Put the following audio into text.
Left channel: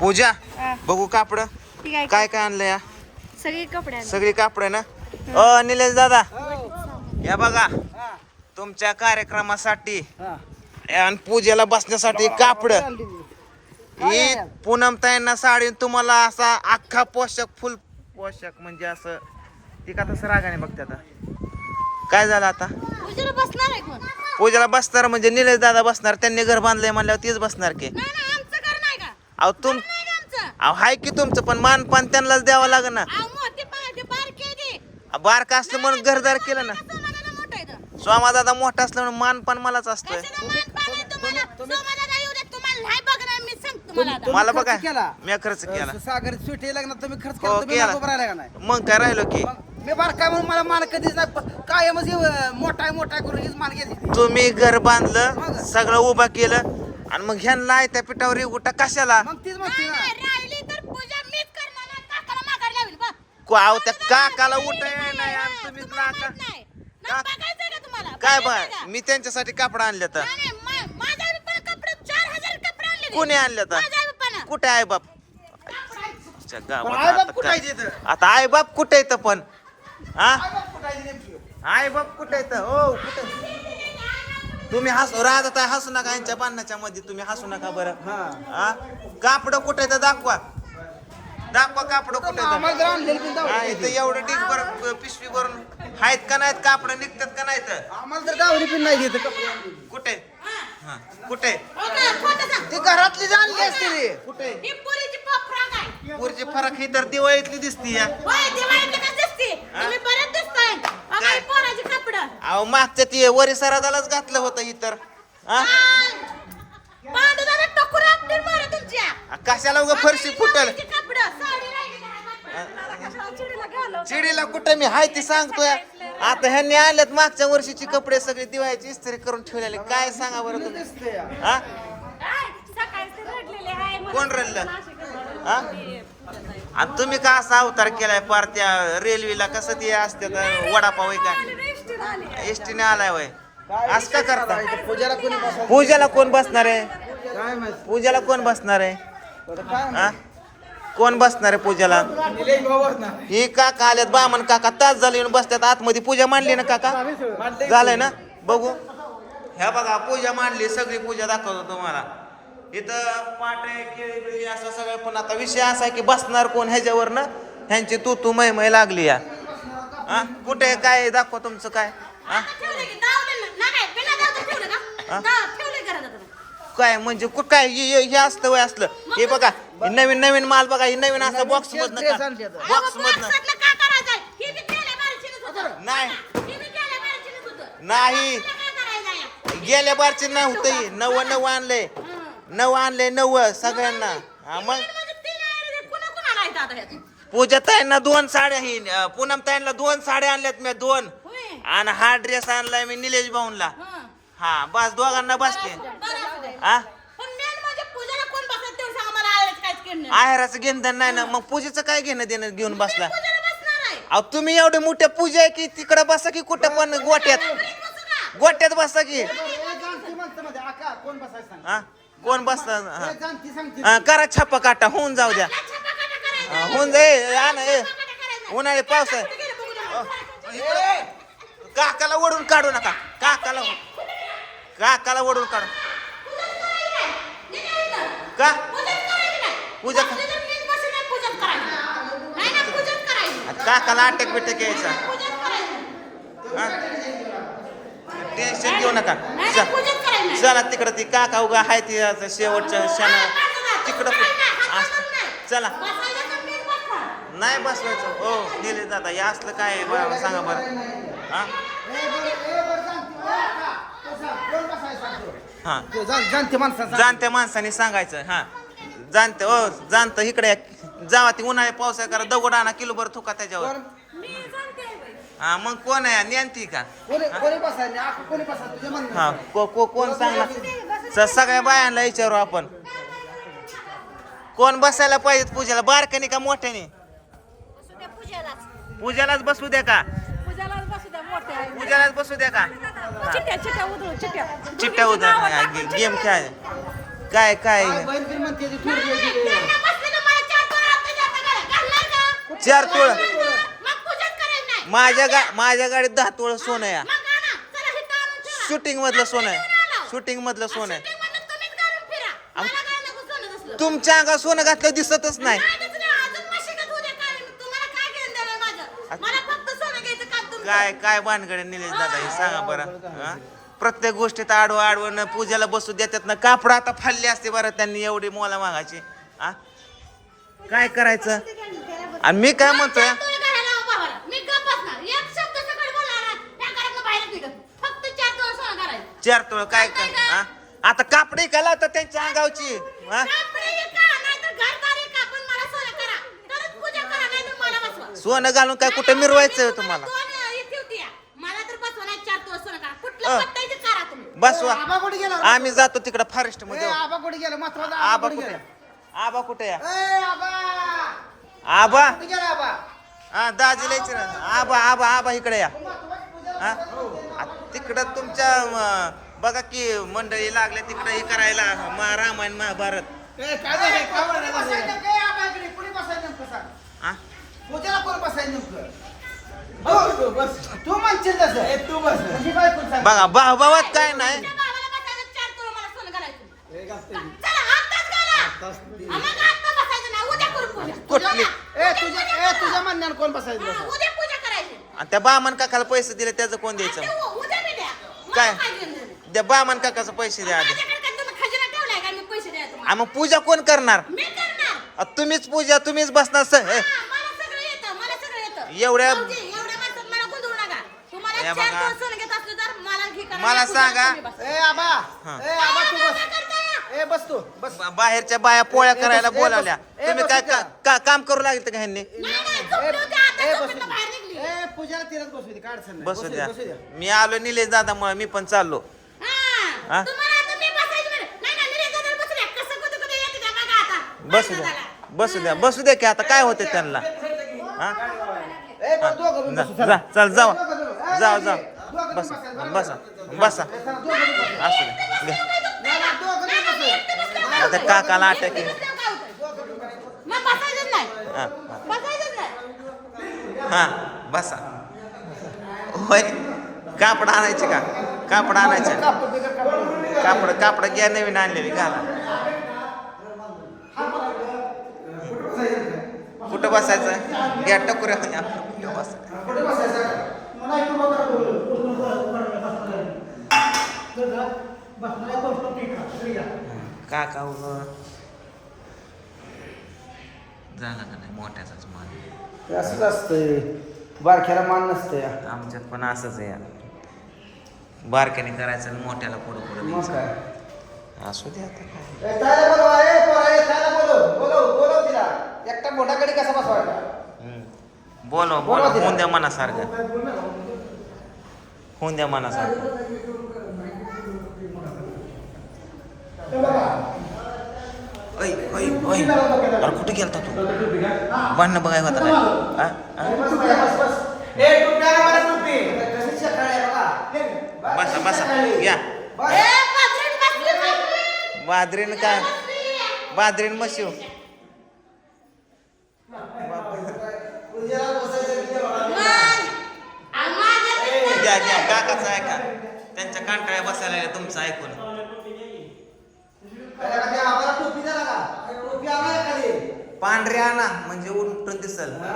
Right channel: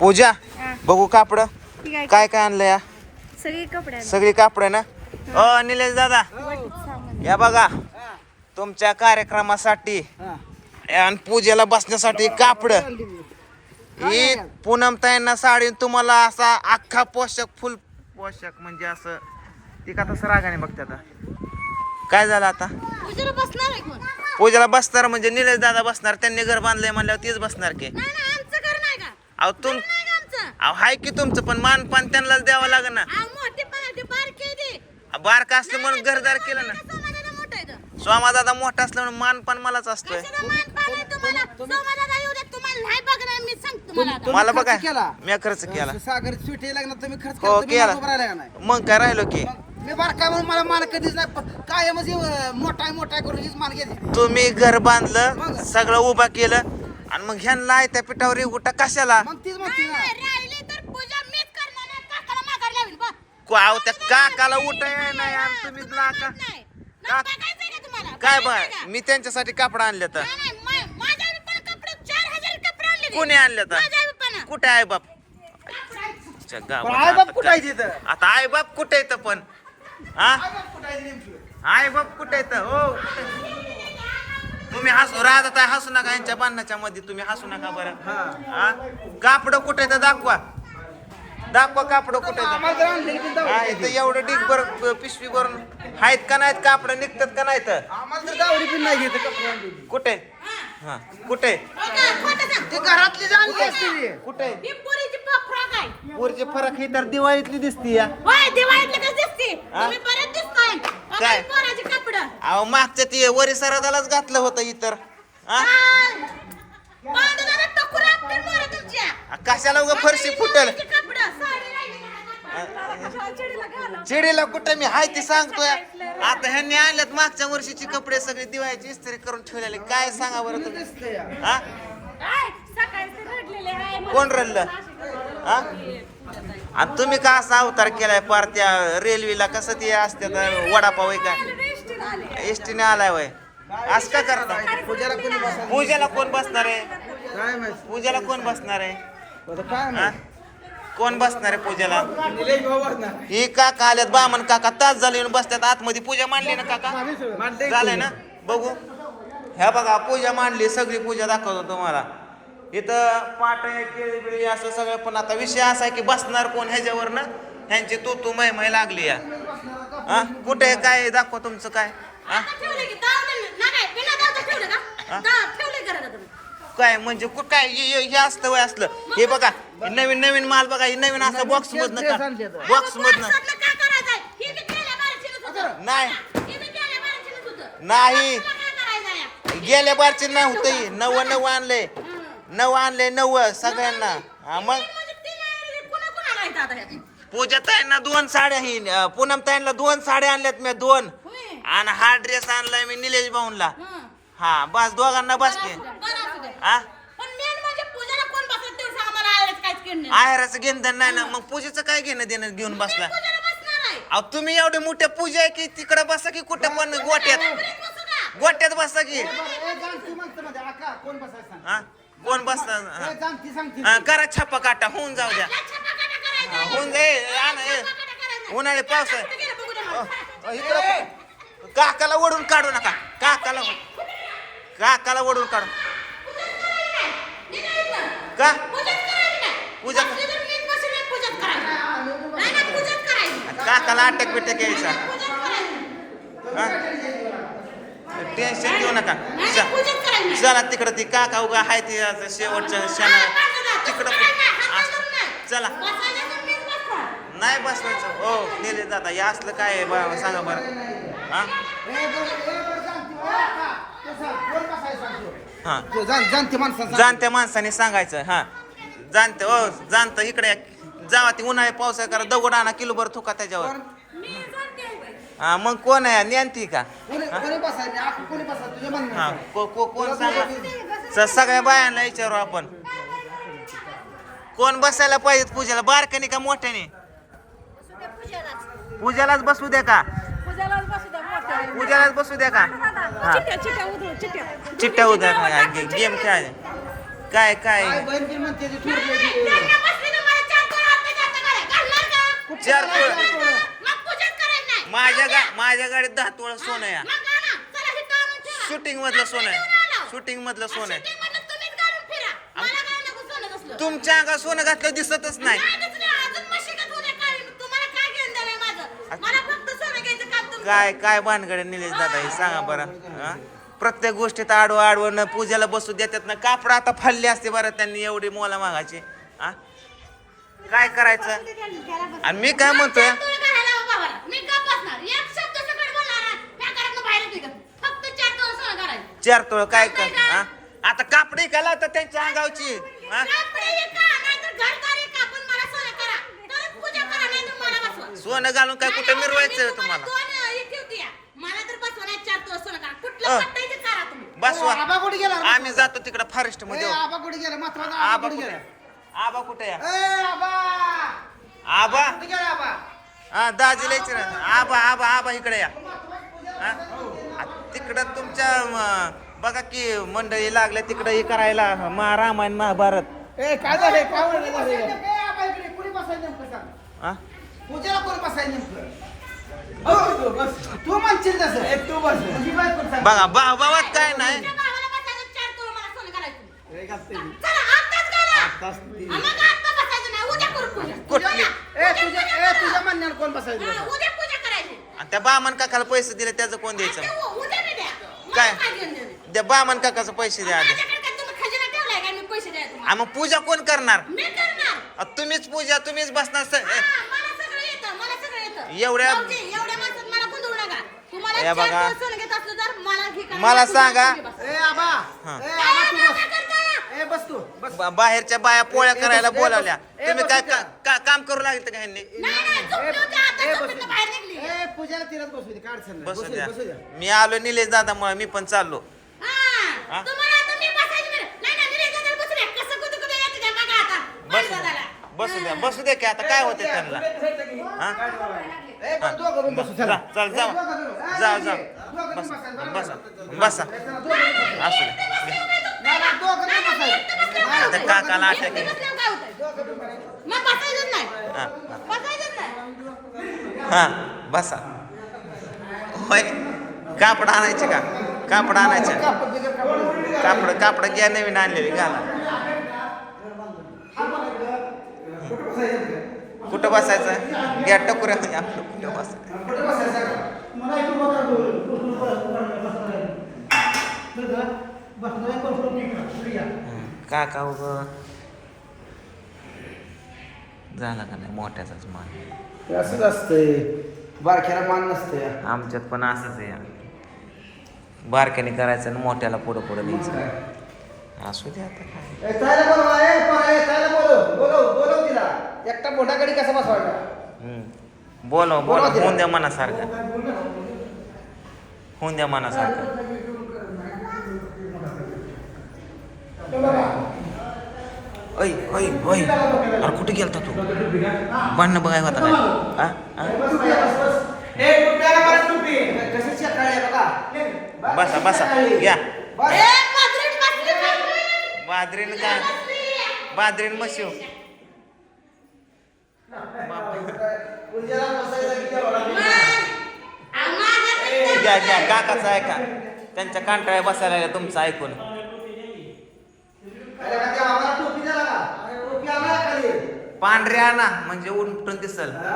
पूजा हा. बघू कापड. काय काय आणलं या? सगळे कपडे. सगळी कापड ना? अ निलेश दादा. या बघा. तुमच्या कार्यक्रमासाठी आणि पूजेला बसण्यासाठी कापड. ही पूनम ताईंना साडी तुम्हाला असा अख्खा पोषक फुल पोषक म्हणजे असं ती का तसं रागाने बघते आता. काय झालं आता? पूजेला बसणार आहे कोण? पूजेला बसणार म्हणजे निलेश दादा बसणार त्यांनी घर बांधलंय म्हणल्यावर तीच बसणार की नाही नाही आमचं घर नाही का अहो तुम अहो हाय की तुमचं पण मान पान त्यांनाच द्यावं लागेल ना. बारके असलं म्हणून घरदार केलं ना. स्वामा दादा मोठा असलं म्हणून मान पण मलाच असतोय. मला बघा केला? मी खर्च केला. सागर सुटी लग्नात तुम्ही खर्च हो केला मग काय राहिलो की? मी बारका म्हणून मला माल कधीच काय म्हणजे मोठा मोठा करून हीच माल घेतली. तुम्ही घर बांधलं सगळं उभं केलं आणि मग ह्यांना त्या पिठावर उठा कशाला मग तीच म्हणते ना नाही, राहिली तर पूजा मीच करणार नाही, काकाला माघार बघ. त्या काकाला उठाय नाही आणि नाही. का- बघायचंय का तुम्हाला? काय बघायचंय बाय का? मी त्यांच्यासाठी कापड आणले तर नाही, नाही, मा- माझ्या आई बापानं कपडे चार हजार कपडे आणले ते. कोणी आणले तर माझ्या आई बापानं. कुठे आहे बाप च्या पण गावात आई बाप आता कुठं आहे काय- तिथं? आता आई बाप कुठे येतं पण हा आई बाप कुठे येतं हो कुठे तुम्ही हसू राहत आहे हसू नका यांच्या बांधण्याच्या मध्ये तुम्ही हसू नका बरं. हा. कापड कुठे येतं दाखवा. दाखवा कापड कुठे हा. इथं एवढं डिग बर पिशवी भरून. आहेत का नाहीत कापड? निघतात का नाही आणलेली. कुठे? हा कुठे? हो. ती घरातली जी आणली असते ती. कुठे? ही पोरीची फ्रॉक ही तर दिवाळीतली दिसती या. काय? अहो मागच्या ती वरी सरादालाच घातलं होतं इतर. हा. कशाला उगा फरशी फुटल. चिडीला कुठे मी? हाय ती सांगतोय. आता ह्यांनी आणल्यात मागच्या वर्षीची कपडे सगळे दिवाळीची इस्त्री करून ठेवलेले. काय सांगा बरं तुम्ही? हा? कोण रडलं? हा? आणि तुम्ही का असा अवतार केलाय पार त्या रेल्वेला कसं ते असते वडापाव आहे काय एसटीने आलाय वय असं का करता? पूजाला कोणी पूजेला कोण बसणार आहे? काय माहिती पूजेला कोण बसणार आहे? काय हा? कोण बसणार आहे पूजेला? निलेश ही काका आल्यात बामन काका. तास झाले येऊन बसतात. आतमध्ये पूजा मांडली ना काका? मांडते. झालंय ना? बघू. ह्या बघा पूजा मांडली. सगळी पूजा दाखवतो तुम्हाला. इथं पाट आहे केळी बिळी असं सगळं. पण आता विषय असा आहे की बसणार कोण ह्याच्यावर ना ह्यांची तू तू मै मै लागली या. हा कुठे काय? दाखवा तुमचं काय हा. नाही, नाही? हा? काय म्हणजे कु- काय हे- हे हे असतं वय असलं हे बघा हे नवीन नवीन माल बघा हे नवीन असं बॉक्स मधनं. बॉक्स मधनं? ही गेल्या होतं. नाही ही बी गेल्या होतं. नाही बारची नव्हतं नव नव आणले नव आणले नव सगळ्यांना हा मग पूजा ताईंना दोन साड्या ही अं, पूनम ताईंना दोन साड्या आणल्यात मी दोन होय. आणि हा ड्रेस आणलाय मी निलेश भाऊनला हं. हा बस दोघांना बसते बरं असू दे. हा पण main म्हणजे पूजाला कोण बसत तेवढं सांग, आम्हाला आयरच काहीच केलं नाही. आहेराचं घेणं नाही ना मग पूजेचं काय घेणं देणं घेऊन बसला पूजाला बसणार आहे. अहो तुम्ही एवढे मोठ्या पूजा आहे की तिकडे बसा की कुठं पण गोट्यात घरी बसू का? गोट्यात बसा की बरं, ए, जाणती माणसं मध्ये, आका, कोण बसायचं सांग. हा कोण बसता ए, जाणती सांगते. हा करा छापा काटा होऊन जाऊ द्या होऊन जाईल या ना ए. उन्हाळी पाऊस आहे. काकाला ओढून काढू नका. काकाला हो. काकाला ओढून काढू. का? पूजाच पूजा काकाला अटक बिटक यायचा. हा? टेन्शन घेऊ नका. चला तिकडं ती काका उगा हाय ती शेवटच्या शेणा तिकडं तसं काय नाही, हात अस- धरून नाही. चला. नाही बसवायचं. हो नेले जाता. हे असलं काय आहे बा सांगा बरं. हा? बरं, बरं. हा जाणती. जाणत्या माणसाने सांगायचं हा. जाणतं हो जाणतं इकडे या. जावा ती उन्हाळी पावसाळ्या करा दगड आणा किलोभर थुका त्याच्यावर. हा मग कोण आहे? नियंती का. हा? को को कोण सांगा? सगळ्या बायांना विचारू आपण. कोण बसायला पाहिजेत पूजेला? बारकाने का मोठ्याने? पूजालाच. पूजालाच बसू द्या का? पूजालाच बसू द्या का? चिट्ट्या, उद्या गेम खेळाय काय काय. चार तोळ मग पूजाच करायची नाही. माझ्या गा माझ्या गाडीत दहा तोळ सोनं हे ठेवा. शूटिंग मधलं सोनं आहे. शूटिंग मधलं सोनं आहे तुमच्या अंगात सोनं घातलं दिसतच नाही. काय? तुम्हाला काय घेऊन देणार माझं? मला फक्त सोनं घ्यायचं काम तुमचं. काय काय भानगडे निलेश दादा? हे सांगा बरं हा? प्रत्येक गोष्टीत आडवं आडवं पूजेला बसू देतात ना कापड आता फाडली असते बरं त्यांनी एवढी मोला मागायची हा? काय करायचं? आणि मी काय म्हणतोय. चार तोळ काय कर हा? आता कापडी का लावतात त्यांच्या अंगावची हा सोनं घालून काय कुठे मिरवायचं तुम्हाला. मला तर बसवा नाही चार दिवस सोनं करा. अ. कुठलं पट्टायचं करा तुम्ही. बसवा आबा कुठे गेला आम्ही जातो तिकडे फॉरेस्ट ए, मध्ये आबा कुठे गेला मात्र आबा आबा कुठे कुठे गेला आबा कुठे या ए आबा आबा कुठे गेला आबा हा दाजीला विचारा. आबा आबा आबा इकडे या हा? आ, तिकडं तुमच्या म, बघा की मंडळी लागल्या तिकडं हे करायला. मा रामायण महाभारत ए काय झाले? काय झाले? ए आबा इकडे कुणी बसायचं नेमकं सांग? हा पूजेला कोण बसायचं नेमकं? हो, बस. तू म्हणशील तसं. तू बस. बघा भावात काय नाही. त्या भावाला बसायचं, चार दिवस मला सोनं करायचं. ए चला, आत्ताच करा. हा, मग आत्ता बसायचं नाही, उद्या करू पूजा. कुठली? उद्या तुझ्या पूजा ए करा. तुझ्या म्हणण्यानं कोण बसायचं हा, उद्या पूजा करायची. आणि त्या बामन काकाला पैसे दिले त्याचं कोण द्यायचं? आता उद्या बी द्या. मला काय? काय घेऊन देणं? त्या बामन काकाचं पैसे द्या आधी माझ्याकडे काय तुम्ही खजिना ठेवलाय का मी पैसे द्या तुम्हाला आ, मग पूजा कोण करणार मी करणार आ, तुम्हीच पूजा तुम्हीच बसणार स- ए, हा, मला सगळं येतं मला सगळं येतं एवढ्या- भाऊजी, एवढ्या माणसात मला गोंधळू नका तुम्हाला या चार बघा. दिवस सोनं घेत असलं तर मला घे करा. मला तुम्हाला सांगा. तुम्ही बसा. ए आबा हा. ए आबा तू काय बस करताय? ए बस तू बस बा- बाहेरच्या बाया पोळ्या ए, करायला बस- ए, बोलावल्या बस- ए, तुम्ही बस काय. का- का- काम करू लागले का ह्यांनी नाही नाही झोपली होती आता ए, बस. झोपेतनं बाहेर निघली ए पूजा तिलाच बसू दे काय अडचण नाही. बसू बसू द्या बसू द्या मी आलो निलेश दादा मुळे मी पण चाललो हा? तुम्हाला आता मी बसायची म्हणे. नाही नाही निलेश दादा बसू द्या. कसं कुठं कुठं येते का बघा आता. बसू द्या. बसू द्या. बसू द्या की आता काय होते त्यांना. हा? चला. जाऊ जाऊ जाऊ बसा. बसा बसा. असू द्या. आता काकाला अटॅक एकटं बसल्यावर काय होतंय? मग बसायचंच नाही. हा. बसायचंच नाही. हा बसा. होय? कापड आणायचे का? कापड आणायचे. कापड कापड. घ्या नवीन आणलेली घाला. कुठं बसायचं? घ्या टकुऱ्या आपलं कुठं बसायचं? बसायचं? काका उग. झाला का नाही मोठ्याचाच मान? असंच असतंय. बारक्याला मान नसतंय. आमच्यात पण असंच आहे. बारक्याने करायचं आणि मोठ्याला पुढं पुढं द्यायचं. असू दे आता काय. एकटा मोठ्याकडे कसा बसवायचा? हम्म. बोलव बोलव. होऊन द्या मनासारखं. होऊन द्या मनासारखं. ऐ ऐ ऐ अरे कुठे गेलता तू? भांडणं बघायला होता काय? हा? हा? बसा बसा घ्या. बाजरीनं काय. बाजरीनं मशिव घ्या घ्या काकाचं ऐका त्यांच्या कांटाळ्या बसायला लागल्या तुमचं ऐकून अरे, का ते आम्हाला टोपी द्या ना. अरे, टोपी आणा एखादी. पांढरे आणा म्हणजे उलटून दिसल हा.